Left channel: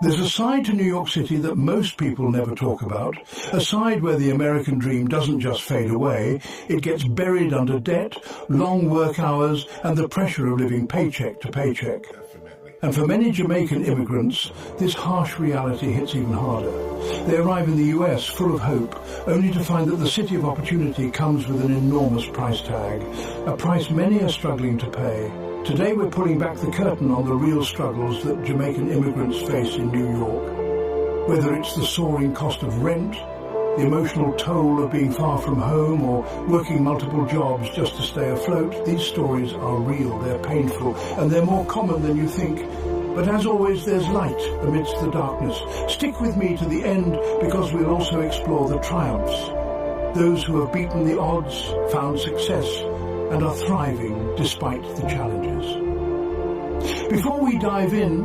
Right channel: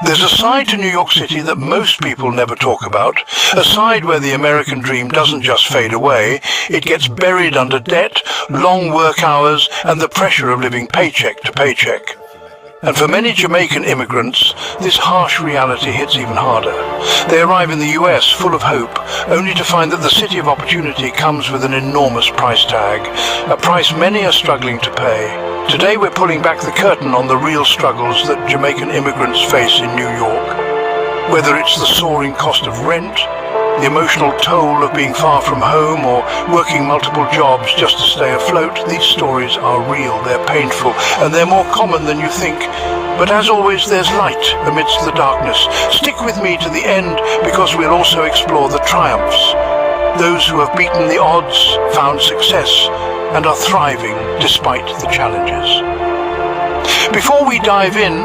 There's a side to New York City that most people never talk about, a side where the American dream doesn't just fade away, it gets buried under debt, long work hours, and the pressure of living paycheck to paycheck. And for many Jamaican immigrants, this harsh reality hits even harder. They arrive in the US full of hope, only to find that the city of opportunity comes with an enormous price tag, a price many are struggling to pay. Today we're pulling back the curtain on the real struggles that Jamaican immigrants face in New York. Whether it's the soaring cost of rent, the emotional toll of being far from home, or working multiple jobs just to stay afloat, these stories are real, they're painful, and they're more common than you think. But as always, there's light amidst the darkness. Stick with me to the end, because we'll also explore the triumphs. Those who have beaten the odds, found success, and are thriving despite the challenges. Before we dive in,